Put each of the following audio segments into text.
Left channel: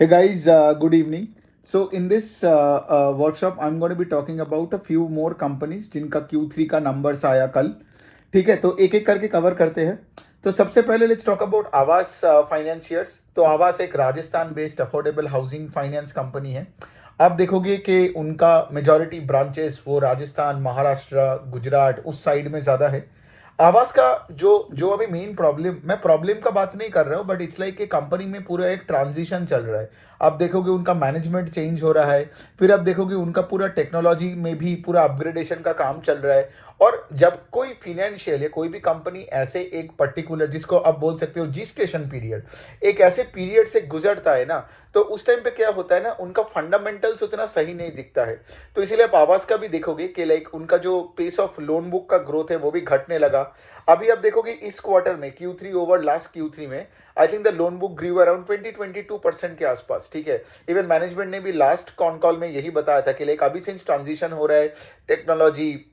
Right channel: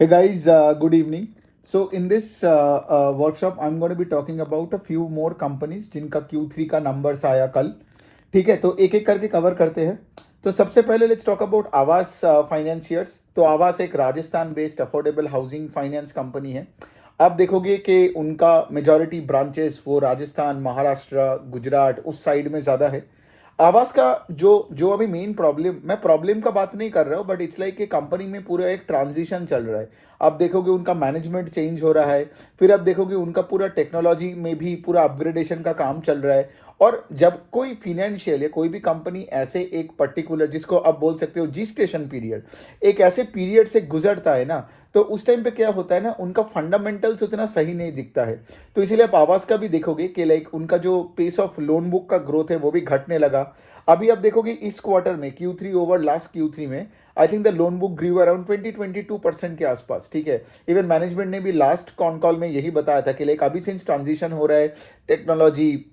Hey guys, good evening. So in this workshop, I'm going to be talking about a few more companies जिनका Q3 का numbers आया कल. ठीक है, तो एक एक करके कवर करते हैं. तो सबसे पहले लेट्स टॉक अबाउट आवास फाइनेंशियर्स. तो आवास एक Rajasthan based affordable housing finance company है. आप देखोगे कि उनका मेजॉरिटी ब्रांचेस वो राजस्थान, महाराष्ट्र, गुजरात उस साइड में ज़्यादा है. आवास का जो जो अभी मेन प्रॉब्लम, मैं प्रॉब्लम का बात नहीं कर रहा हूँ, बट इट्स लाइक कि कंपनी में पूरा एक ट्रांजिशन चल रहा है. आप देखोगे उनका मैनेजमेंट चेंज हो रहा है. फिर आप देखोगे उनका पूरा टेक्नोलॉजी में भी पूरा अपग्रेडेशन का काम चल रहा है. और जब कोई फिनेंशियल या कोई भी कंपनी ऐसे एक पर्टिकुलर, जिसको आप बोल सकते हो जिस्टेशन पीरियड, एक ऐसे पीरियड से गुजरता है ना, तो उस टाइम पे क्या होता है ना, उनका फंडामेंटल्स उतना सही नहीं दिखता है. तो इसीलिए आप आवास का भी देखोगे कि लाइक उनका जो पेस ऑफ लोन बुक का ग्रोथ है वो भी घटने लगा. अभी आप देखोगे इस क्वार्टर में Q3 ओवर लास्ट Q3 में I think the loan book grew around 20-22% के आसपास. ठीक है, इवन मैनेजमेंट ने भी लास्ट कॉन कॉल में यही बताया था कि लाइक अभी सिंस ट्रांजिशन हो रहा है टेक्नोलॉजी,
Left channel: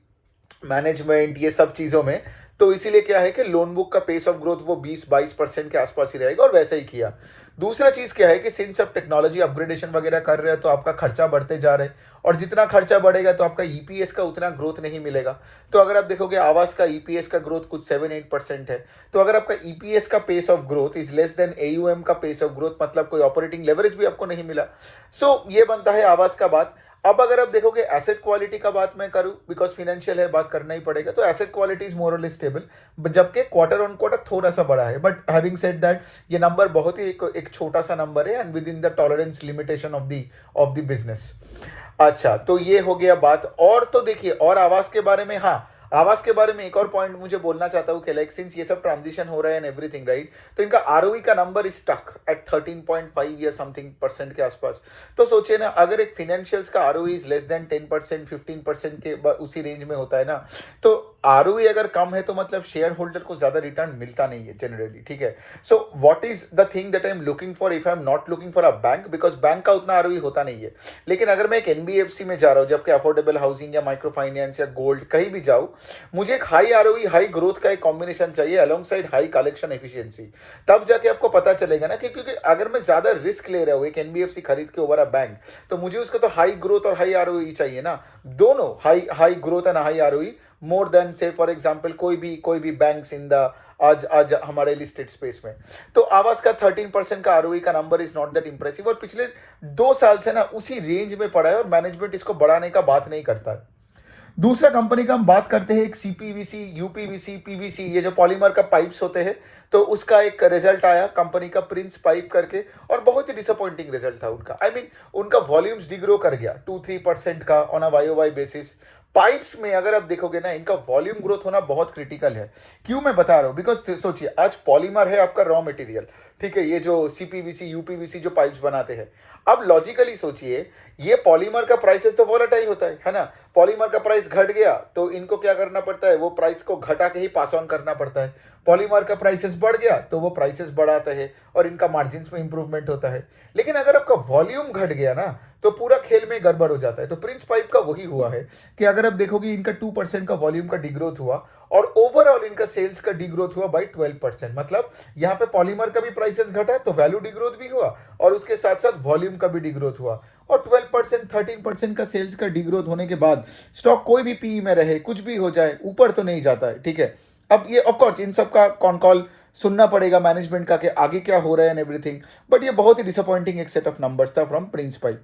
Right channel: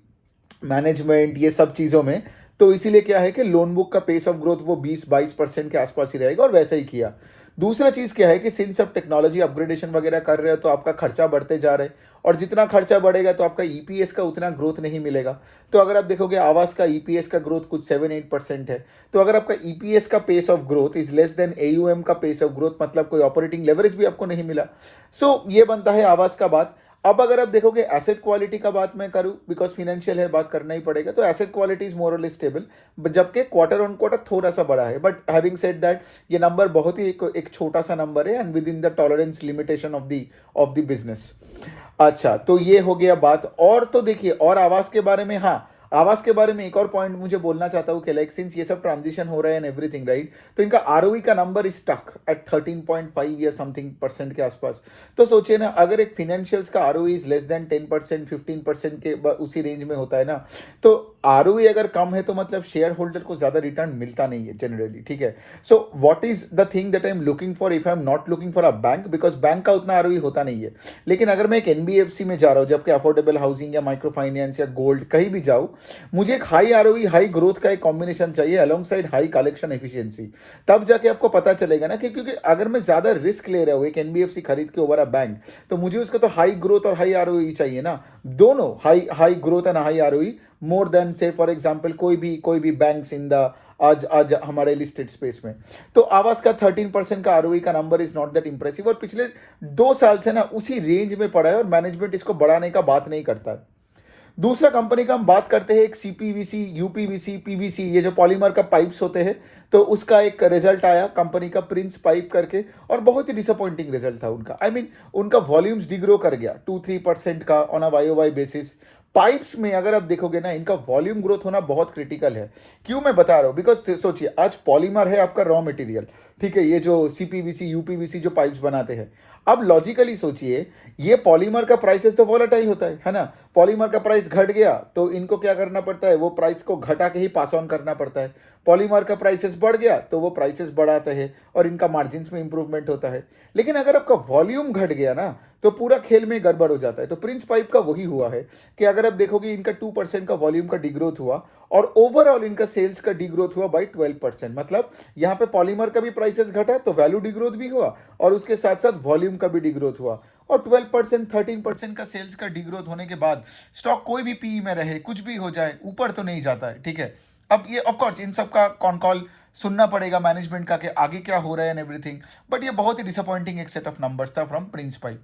मैनेजमेंट, ये सब चीज़ों में, तो इसीलिए क्या है कि लोन बुक का पेस ऑफ ग्रोथ वो 20-22% के आसपास ही रहेगा, और वैसा ही किया. दूसरा चीज़ क्या है कि सिंस आप टेक्नोलॉजी अपग्रेडेशन वगैरह कर रहे हो तो आपका खर्चा बढ़ते जा रहा है, और जितना खर्चा बढ़ेगा तो आपका ईपीएस का उतना ग्रोथ नहीं मिलेगा. तो अगर आप देखोगे आवास का ईपीएस का ग्रोथ कुछ 7-8% है. तो अगर आपका ईपीएस का pace of growth is less than AUM का पेस ऑफ ग्रोथ, मतलब कोई ऑपरेटिंग लेवरेज भी आपको नहीं मिला. सो ये बनता है आवास का बात. अब अगर आप देखोगे एसेट क्वालिटी का बात मैं करूं, बिकॉज फिनेंशियल है, बात करना ही पड़ेगा, तो asset quality is morally stable, जबकि क्वार्टर ऑन क्वार्टर थोड़ा सा बड़ा है. बट हैविंग सेड दैट, ये नंबर बहुत ही एक छोटा सा नंबर है and within the tolerance limitation of the business. अच्छा, तो ये हो गया बात. और तो देखिए, और आवास के बारे में, हाँ, आवास के बारे में एक और पॉइंट मुझे बोलना चाहता हूँ कि लाइक सिंस ये सब ट्रांजिशन हो रहा है एंड एवरीथिंग, राइट, तो इनका आरओई का नंबर इज स्टक एट 13.5 या समथिंग परसेंट के आसपास. तो सोचिए ना, अगर एक फिनेंशियल्स का आरओई इज लेस देन 10%, 15% के उसी रेंज में होता है ना, तो आरओई अगर कम है तो मतलब शेयर होल्डर को ज्यादा रिटर्न मिलता नहीं है जनरली. ठीक है, so what is the thing that I am looking for if I am not looking for a bank, because bank का उतना आरओई होता नहीं है. लेकिन अगर मैं एक एनबीएफसी में जा रहा हूँ, जबकि अफोर्डेबल हाउसिंग या माइक्रो फाइनेंस या गोल्ड कहीं भी जाऊँ, मुझे एक हाई आरओई, हाई ग्रोथ का एक कॉम्बिनेशन चाहिए along side high collection efficiency. तब जाके आपको पता चलेगा ना कि, क्योंकि अगर मैं ज्यादा रिस्क ले रहा हूँ एक एनबीएफसी खरीद के ओवर अ बैंक, तो मुझे उसका तो हाई ग्रोथ और हाई आरओई चाहिए ना. दोनों high high growth and high ROE, more than से फॉर एग्जांपल कोई भी बैंक्स इन द आज आज हमारे लिस्टेड स्पेस में. तो आवास का 13% का आरओई का number is not that impressive, और पिछले 2 साल से ना उसी रेंज में पड़ा है, और मैनेजमेंट इसको बढ़ाने का बात नहीं करता है. दूसरा कंपनी का हम बात करते हैं, एक सीपीवीसी, यूपीवीसी, पीवीसी, ये जो पॉलीमर का पाइप्स होते हैं, तो उसका एक रिजल्ट आया कंपनी का प्रिंस पाइप करके, और बहुत ही डिसअपॉइंटिंग रिजल्ट था उनका. आई मीन उनका वॉल्यूम्स डिग्रो कर गया 2-3% का on a Y O Y basis. Pipes में अगर आप देखोगे ना, इनका वॉल्यूम ग्रोथ होना बहुत क्रिटिकल है. क्यों मैं बता रहा हूं, बिकॉज सोचिए, आज पॉलीमर है आपका रॉ मटेरियल. ठीक है, ये जो सीपीवीसी, यूपीवीसी जो पाइप्स बनाते हैं, अब लॉजिकली सोचिए, ये पॉलीमर का प्राइसेस तो वॉलेटाइल होता है ना. पॉलीमर का प्राइस घट गया तो इनको क्या करना पड़ता है, वो प्राइस को घटा के ही पास ऑन करना पड़ता है. पॉलीमर का प्राइसेस बढ़ गया तो वो प्राइसेस बढ़ाते हैं, और इनका मार्जिन में इंप्रूवमेंट होता है. लेकिन अगर आपका वॉल्यूम घट गया ना, तो पूरा खेल में गड़बड़ हो जाता है. तो प्रिंस पाइप का वही हुआ है कि अगर आप देखोगे, इनका 2% का वॉल्यूम का डिग्रोथ हुआ, और ओवरऑल इनका सेल्स का डिग्रोथ हुआ बाई 12%. मतलब यहाँ पे पॉलीमर का भी प्राइसेस घटा तो वैल्यू डिग्रोथ भी हुआ, और उसके साथ साथ वॉल्यूम का भी डिग्रोथ हुआ. और 12%, 13% का सेल्स का डिग्रोथ होने के बाद स्टॉक कोई भी पीई में रहे, कुछ भी हो जाए, ऊपर तो नहीं जाता है. ठीक है, अब ये ऑफ कोर्स इन सब का कॉन कॉल सुनना पड़ेगा मैनेजमेंट का कि आगे क्या हो रहा है एंड एवरीथिंग, बट ये बहुत ही डिसअपॉइंटिंग एक सेट ऑफ नंबर्स था फ्रॉम प्रिंस पाइप.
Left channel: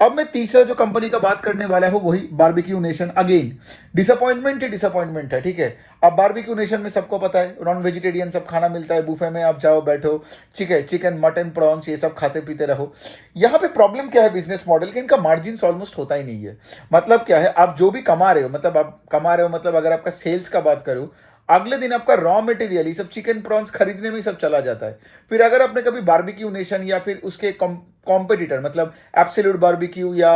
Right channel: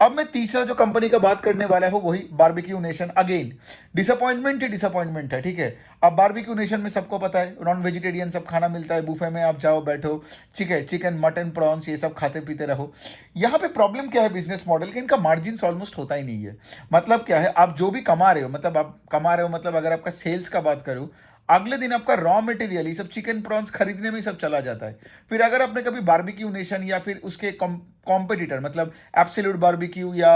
अब मैं तीसरा जो कंपनी का बात करने वाला हूं, वही बारबेक्यू नेशन. अगेन डिसअपॉइंटमेंट ही डिसअपॉइंटमेंट है. ठीक है, अब बारबेक्यू नेशन में सबको पता है नॉन वेजिटेरियन सब खाना मिलता है, बुफे में आप जाओ बैठो, ठीक है, चिकन, मटन, प्रॉन्स, ये सब खाते पीते रहो. यहाँ पे प्रॉब्लम क्या है बिजनेस मॉडल कि इनका मार्जिन ऑलमोस्ट होता ही नहीं है. मतलब क्या है, आप जो भी कमा रहे हो, मतलब आप कमा रहे हो, मतलब अगर आपका सेल्स का बात करूं, अगले दिन आपका रॉ मटेरियल, ये सब चिकन प्रॉन्स खरीदने में ही सब चला जाता है. फिर अगर आपने कभी बारबेक्यू नेशन या फिर उसके कॉम्पिटिटर, मतलब एब्सोल्यूट बारबेक्यू, या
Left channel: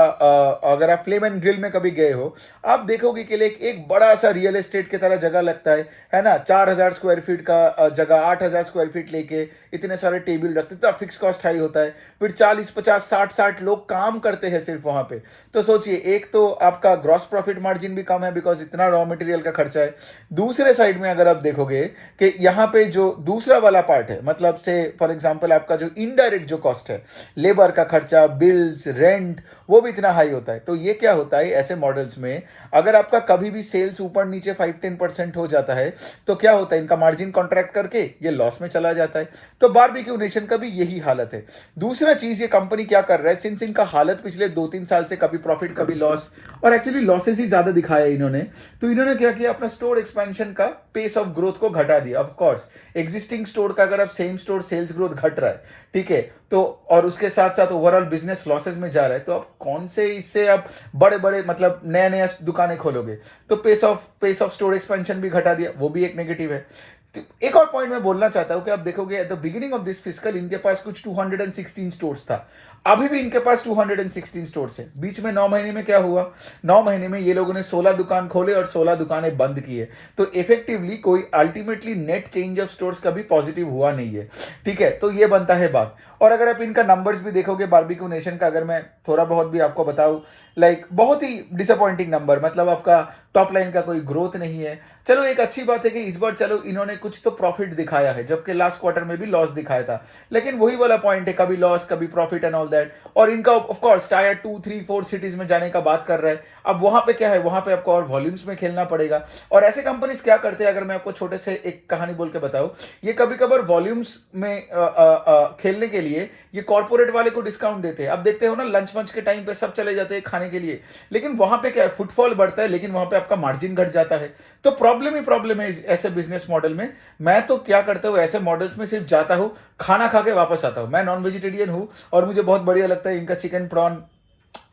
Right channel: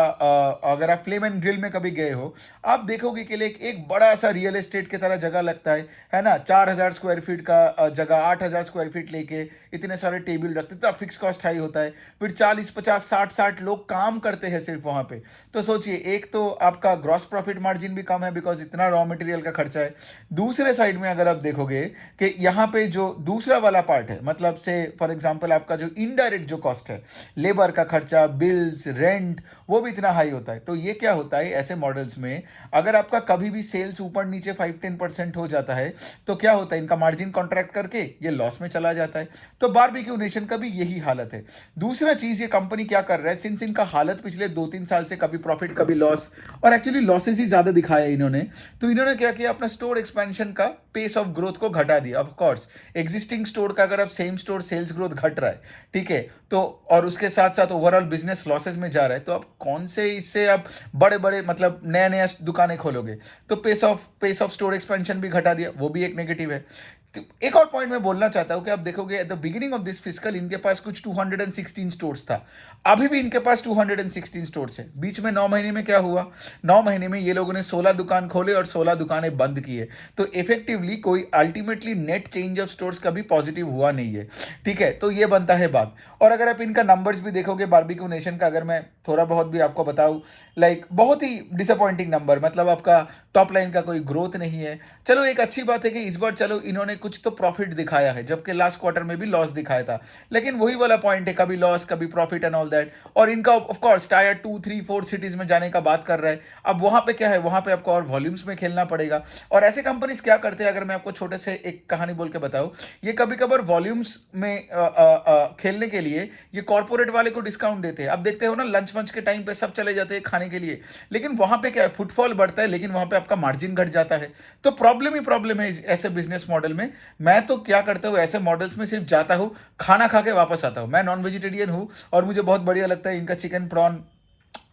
अगर आप फ्लेम एंड ग्रिल में कभी गए हो, आप देखोगे कि एक बड़ा सा रियल एस्टेट की तरह जगह लगता है ना. 4,000 स्क्वायर फीट का जगह 8,000 स्क्वायर फीट लेके इतने सारे टेबल रखते, तो फिक्स कॉस्ट हाई होता है. फिर 40, 50, 60 लोग काम करते हैं सिर्फ वहां पे. तो सोचिए, एक तो आपका ग्रॉस प्रॉफिट मार्जिन भी कम है बिकॉज इतना रॉ मटेरियल का खर्चा है. दूसरे साइड में अगर आप देखोगे कि यहाँ पे जो दूसरा वाला पार्ट है, मतलब से फॉर एग्जांपल आपका जो इनडायरेक्ट जो कॉस्ट है, लेबर लेबर का खर्चा, बिल्स, रेंट, वो भी इतना हाई होता है। तो ये क्या होता है ऐसे मॉडल्स में, अगर आपका कभी भी सेल्स ऊपर नीचे 5-10% हो जाता है, तो क्या होता है, इनका मार्जिन कॉन्ट्रैक्ट करके ये लॉस में चला जाता है। तो बारबेक्यू नेशन का भी यही हालत है। दूसरा चीज, ये कंपनी क्या कर रहा है, सिंस इनका हालत पिछले 2-3 साल से कभी प्रॉफिट कभी लॉस, और एक्चुअली लॉसेस ही ज्यादा दिखाया इन्होंने, तो इन्होंने क्या किया, अपना स्टोर एक्सपेंशन का पेस ऑफ ग्रोथ को घटा दिया। ऑफ कोर्स एग्जिस्टिंग स्टोर का अगर आप सेम स्टोर सेल्स ग्रोथ घट रहा है, ठीक है, तो और उसके साथ साथ ओवरऑल बिजनेस लॉसेस में जा रहा है, तो आप कौन से इससे आप बड़े बड़े मतलब नया नया दुकानें खोलोगे। तो पेस ऑफ स्टोर एक्सपेंशन भी घटा दिया, वो भी एक नेगेटिव है। तो एक और पॉइंट मैं बोलना चाहता हूं कि आप देखोगे at the beginning of this fiscal इनके पास कुछ 216 स्टोर्स था, अभी भी इनके पास 216 स्टोर्स है। बीच में 9 महीने में क्या हुआ, 9 महीने में ये लोगों ने 16 दुकान खोले और 16 दुकानें बंद किए। तो इफेक्टिवली कोई ultimately net change of stores कभी पॉजिटिव हुआ नहीं है, ठीक है। तो ये बनता है बात। और अगर आप इनका नंबर्स भी देखोगे बारबेक्यू नेशन का, अगर मैं थोड़ा बहुत भी आपको बताऊं, लाइक बहुत ही डिसअपॉइंटिंग नंबर, मतलब आपका टॉप लाइन का कोई ग्रोथ नहीं है। चलो एक अच्छी बात है कि इस बार चलो इन्होंने कुछ तो प्रॉफिट दिखाया है, जबकि लास्ट क्वार्टर में भी लॉस दिखाया था, लेकिन वही वाला पॉइंट है, कभी लॉस कभी प्रॉफिट एंड ऑल दैट। और इनका ऑफ कोर्स टायर 2, 3, 4 सिटीज में जाने का बात कर रहा है। अब वहां पे क्या है, वहां पे आपको और वॉल्यूम्स में खेलना पड़ेगा। और ऐसे कंपनीज क्या करते हैं, अगर मैं आपको छोटे से एक कहानी बोल के बताऊं, ये कभी कभार वॉल्यूम्स में खेलने के लिए ये कॉर्पोरेट वाले को डिस्काउंट देते हैं। अब देखते हो ना, लंच वंच के टाइम पे सब चले जाते हैं खाने के लिए, लेकिन वहां पे क्या है, फुटफॉल बढ़ता है, लेकिन वहां पे आपका मार्जिन घट जाता है। तो प्रॉब्लम ही प्रॉब्लम है ऐसे बिजनेस मॉडल में। मैं तो क्या करता हूं, ऐसे मॉडल्स में सिर्फ जाता हूं, खाना खा के वापस आता हूं। मैं नॉन वेजिटेरियन हूं और मुझे बहुत बढ़िया लगता है इनका चिकन प्रॉन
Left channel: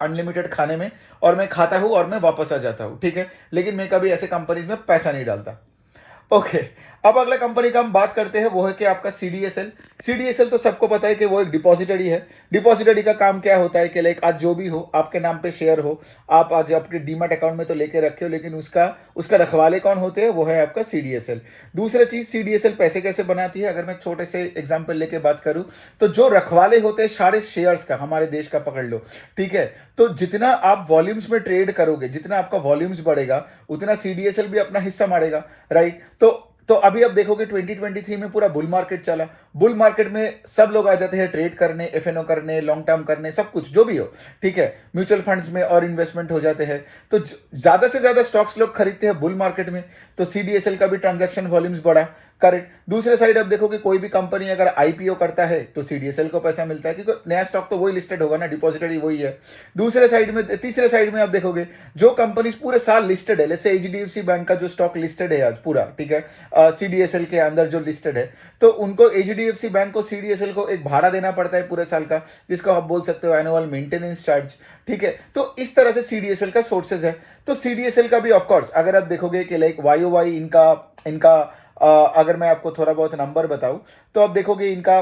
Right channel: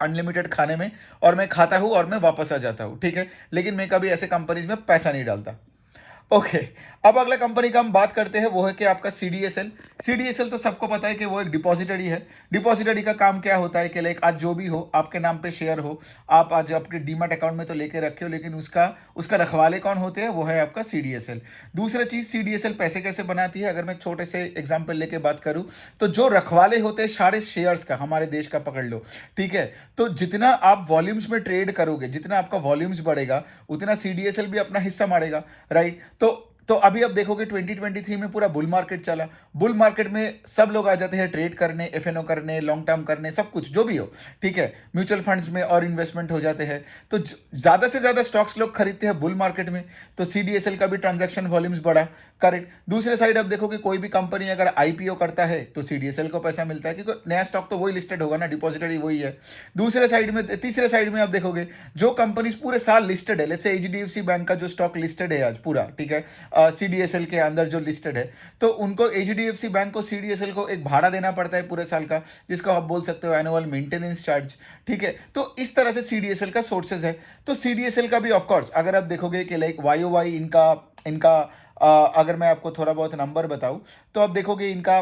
अनलिमिटेड खाने में, और मैं खाता हूं और मैं वापस आ जाता हूं, ठीक है। लेकिन मैं कभी ऐसे कंपनीज में पैसा नहीं डालता। ओके, अब अगला कंपनी का हम बात करते हैं, वो है कि आपका सीडीएसएल। सीडीएसएल तो सबको पता है कि वो एक डिपॉजिटरी है। डिपॉजिटरी का काम क्या होता है कि लाइक आज जो भी हो आपके नाम पे शेयर हो, आप आज आपके डीमैट अकाउंट में तो लेके रखे हो, लेकिन उसका उसका रखवाले कौन होते हैं, वो है आपका सीडीएसएल। दूसरा चीज, सीडीएसएल पैसे कैसे बनाती है, अगर मैं छोटे से एग्जाम्पल लेके बात करूं, तो जो रखवाले होते हैं सारे शेयर्स का, हमारे देश का पकड़ लो, ठीक है, तो जितना आप वॉल्यूम्स में ट्रेड करोगे, जितना आपका वॉल्यूम्स बढ़ेगा, उतना सीडीएसएल भी अपना हिस्सा मारेगा, राइट। तो अभी आप देखोगे 2023 में पूरा बुल मार्केट चला। बुल मार्केट में सब लोग आ जाते हैं ट्रेड करने, एफएनओ करने, लॉन्ग टर्म करने, सब कुछ जो भी हो, ठीक है, म्यूचुअल फंड्स में और इन्वेस्टमेंट हो जाते हैं। तो ज्यादा से ज्यादा स्टॉक्स लोग खरीदते हैं बुल मार्केट में, तो सीडीएसएल का भी ट्रांजैक्शन वॉल्यूम्स बढ़ा, करेक्ट। दूसरे साइड आप देखोगे कोई भी कंपनी अगर आईपीओ करता है तो सीडीएसएल को पैसा मिलता है, क्योंकि नया स्टॉक तो वही लिस्टेड होगा ना, डिपॉजिटरी वही है। दूसरे साइड में, तीसरे साइड में आप देखोगे जो कंपनीज पूरे साल लिस्टेड है, लेट्स से एचडीएफसी बैंक का जो स्टॉक लिस्टेड है आज पूरा, ठीक है, सीडीएसएल के अंदर जो लिस्टेड है, तो उनको एचडीएफसी बैंक को सीडीएसएल को एक भाड़ा देना पड़ता है पूरे साल का, जिसको आप बोल सकते हो एनुअल मेंटेनेंस चार्ज, ठीक है। तो इस तरह से सीडीएसएल का सोर्सेज है। तो सीडीएसएल का भी ऑफकोर्स अगर आप देखोगे कि लाइक वाई इनका इनका अगर मैं आपको थोड़ा बहुत नंबर बताऊं, तो आप देखोगे इनका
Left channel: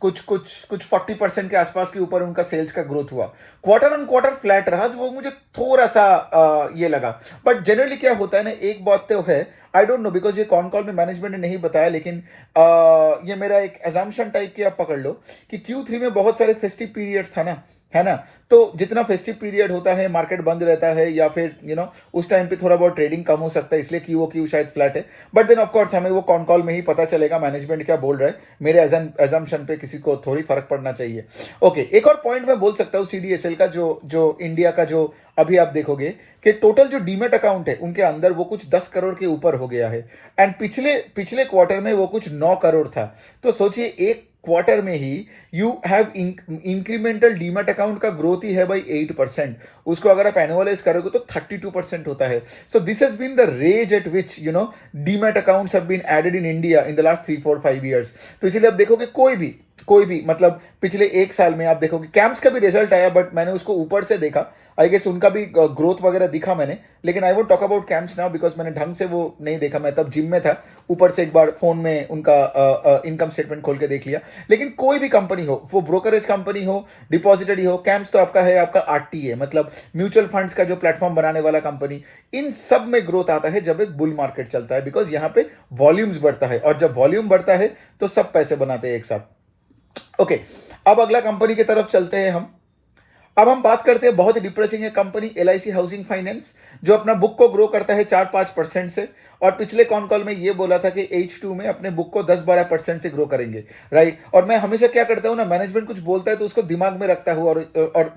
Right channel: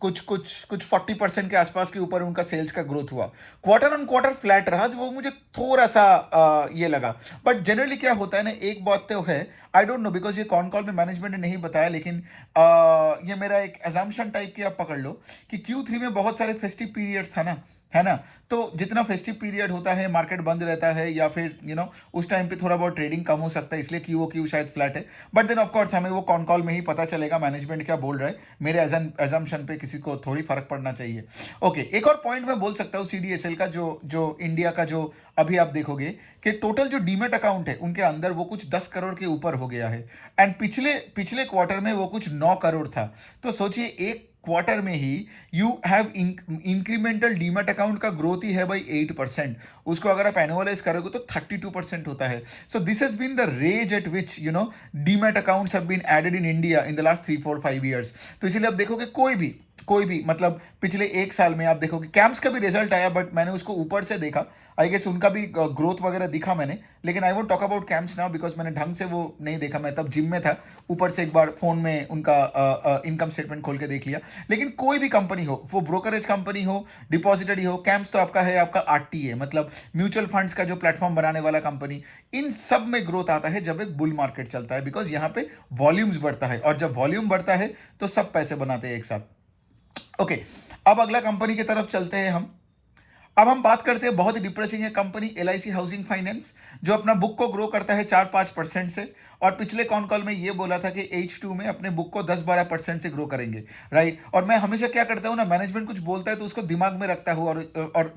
कुछ 40% के आसपास के ऊपर उनका सेल्स का ग्रोथ हुआ। क्वार्टर ऑन क्वार्टर फ्लैट रहा, जो वो मुझे थोड़ा सा ये लगा। बट जनरली क्या होता है ना, एक बात तो है, आई डोंट नो बिकॉज ये कॉन कॉल में मैनेजमेंट ने नहीं बताया, लेकिन ये मेरा एक एजम्पशन टाइप की आप पकड़ लो कि Q3 में बहुत सारे फेस्टिव पीरियड्स था ना, है ना। तो जितना फेस्टिव पीरियड होता है, मार्केट बंद रहता है, या फिर उस टाइम पे थोड़ा बहुत ट्रेडिंग कम हो सकता है, इसलिए क्यू शायद फ्लैट है। बट देन ऑफ कोर्स हमें वो कॉन कॉल में ही पता चलेगा मैनेजमेंट क्या बोल रहा है, मेरे एजम्पशन पे किसी को थोड़ी फर्क पड़ना चाहिए। ओके, एक और पॉइंट मैं बोल सकता हूँ सीडीएसएल का, जो इंडिया का जो अभी आप देखोगे कि टोटल जो डीमेट अकाउंट है उनके अंदर वो कुछ 10 करोड़ के ऊपर हो गया है, एंड पिछले क्वार्टर में वो कुछ 9 करोड़ था। तो सोचिए एक क्वार्टर में ही you have incremental demat account का ग्रोथ ही है भाई 8%। उसको अगर आप एनुअलाइज करोगे तो 32% होता है। So this has been the rate at which demat accounts have been added in India in the last 3-4-5 years. तो इसीलिए आप देखोगे कोई भी मतलब पिछले एक साल में आप देखोगे कैंप्स का भी रिजल्ट आया, बट मैंने उसको ऊपर से देखा, आई गेस उनका भी ग्रोथ वगैरह दिखा मैंने, लेकिन I won't talk about camps now because मैंने ढंग से वो नहीं देखा, मैं तब जिम में था, ऊपर से एक बार फोन में उनका इनकम स्टेटमेंट खोल के देख लिया। लेकिन कोई भी कंपनी हो, वो ब्रोकरेज कंपनी हो, डिपॉजिटरी हो, कैंप्स तो आपका है, आपका आरटीए मतलब म्यूचुअल फंड्स का जो प्लेटफॉर्म बनाने वाला कंपनी, इन सब में ग्रोथ आता है जब एक बुल मार्केट चलता है, बिकॉज यहाँ पे वॉल्यूम्स बढ़ता है, और जब वॉल्यूम बढ़ता है तो सब पैसे बनाते हैं एक साथ। ओके, अब अगला कंपनी की तरफ चलते हैं हम। अब हम बात करते हैं, बहुत डिप्रेसिंग है कंपनी LIC हाउसिंग फाइनेंस, जो अपना बुक को ग्रो करता है 4-5% से, और पिछले कॉन कॉल में ये बोला था कि H2 में अपने बुक को 10-12% से ग्रो करेंगे, राइट। और मैं हमेशा क्या करता हूँ ना, मैनेजमेंट कुछ बोलता है तो उसको दिमाग में रखता हूँ और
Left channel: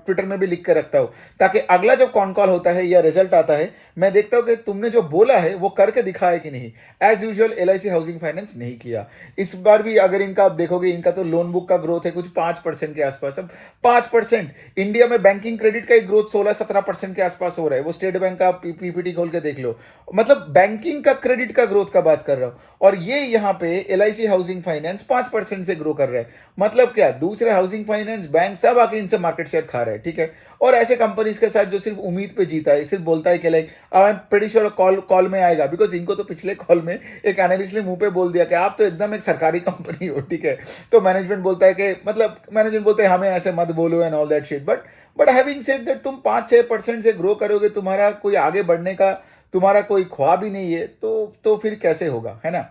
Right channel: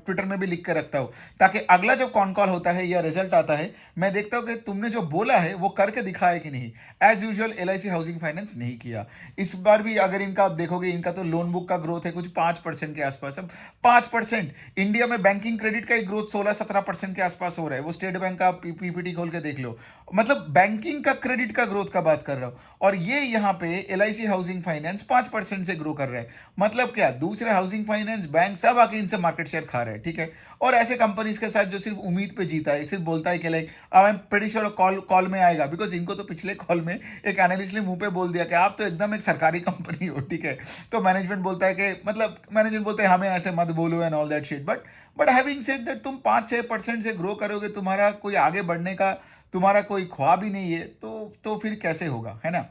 ट्विटर में भी लिख कर रखता हूँ, ताकि अगला जब कॉन कॉल होता है या रिजल्ट आता है, मैं देखता हूँ कि तुमने जो बोला है वो करके दिखाया कि नहीं। As usual LIC housing finance नहीं किया। इस बार भी अगर इनका आप देखोगे, इनका तो लोन बुक का ग्रोथ है कुछ 5% के आसपास। अब 5%, इंडिया में बैंकिंग क्रेडिट का ग्रोथ 16-17% के आसपास हो रहा है। वो स्टेट बैंक का पीपीटी खोल के देख लो, मतलब बैंकिंग का क्रेडिट का ग्रोथ का बात कर रहा हूं, और ये यहां पे LIC हाउसिंग फाइनेंस 5% से ग्रो कर रहा है। मतलब क्या, दूसरे हाउसिंग फाइनेंस बैंक सब आके इनसे मार्केट शेयर खा रहे हैं, ठीक है। और ऐसे कंपनीज के साथ जो सिर्फ उम्मीद पे जीता है, सिर्फ बोलता है कि like I am pretty sure call में आएगा, बिकॉज इनको तो पिछले कॉल में एक एनालिस्ट ने मुंह पे बोल दिया कि आप तो एकदम एक सरकारी कंपनी हो, ठीक है। तो मैनेजमेंट बोलता है कि मतलब मैनेजमेंट बोलते हैं हमें ऐसे मत बोलो and all that shit, but having said that, तुम 5-6% से ग्रो करोगे, तुम्हारा कोई आगे बढ़ने का तुम्हारा कोई ख्वाब ही नहीं है, तो फिर कैसे होगा, है ना।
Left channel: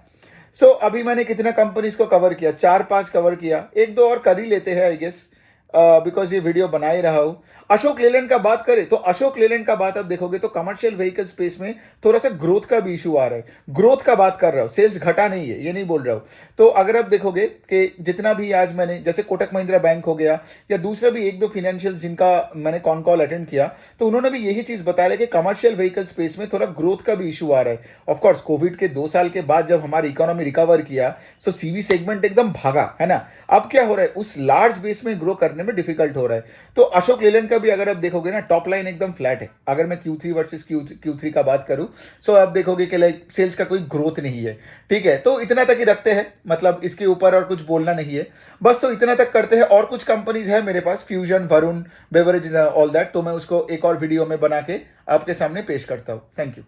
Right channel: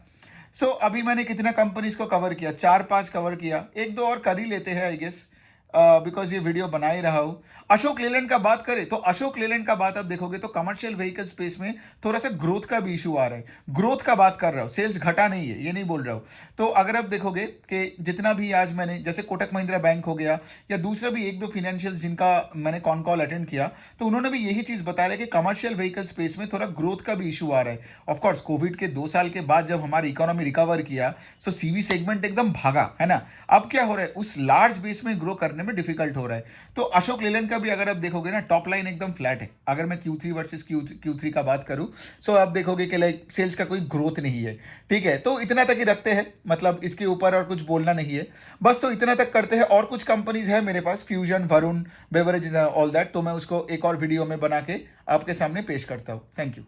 सो अभी मैंने कितना कंपनीज को कवर किया, 4-5 कवर किया, एक दो और कर ही लेते हैं आई गेस, बिकॉज ये वीडियो बना ही रहा हूं। अशोक लेलैंड का बात करें तो अशोक लेलैंड का बात आप देखोगे तो कमर्शियल व्हीकल स्पेस में थोड़ा सा ग्रोथ का भी इशू आ रहा है। ग्रोथ का बात कर रहा हूं, सेल्स घटा नहीं है, ये नहीं बोल रहा हूं। तो अगर आप देखोगे कि जितना भी आज मैंने, जैसे कोटक महिंद्रा बैंक हो गया या दूसरा भी एक दो फिनेंशियल जिनका मैंने कॉन कॉल अटेंड किया, तो उन्होंने भी यही चीज बताया कि कमर्शियल व्हीकल स्पेस में थोड़ा ग्रोथ का भी इशू आ रहा है। ऑफकोर्स कोविड के 2 साल के बाद जब हमारी इकोनॉमी रिकवर किया, सो CV सेगमेंट एकदम भागा, है ना। अब क्या हो रहा है, उस लार्ज बेस में ग्रो करने में डिफिकल्ट हो रहा है। तो अशोक लेलैंड का भी अगर आप देखोगे ना, टॉप लाइन एकदम फ्लैट है। अगर मैं Q3 वर्सेस Q3 का बात करूं, सो आप देखोगे कि लाइक सेल्स का कोई ग्रोथ नहीं है, ठीक है। तो इतना तक ही रखते हैं, मतलब इसके ऊपर और कुछ बोलना नहीं है बस, तो इतना तक करते हैं। और कुछ कंपनीज है मेरे पास, Fusion, Varun Beverage, all that, तो मैं उसको एक और वीडियो में बना के आपके सामने पेश करता हूं। Thank you.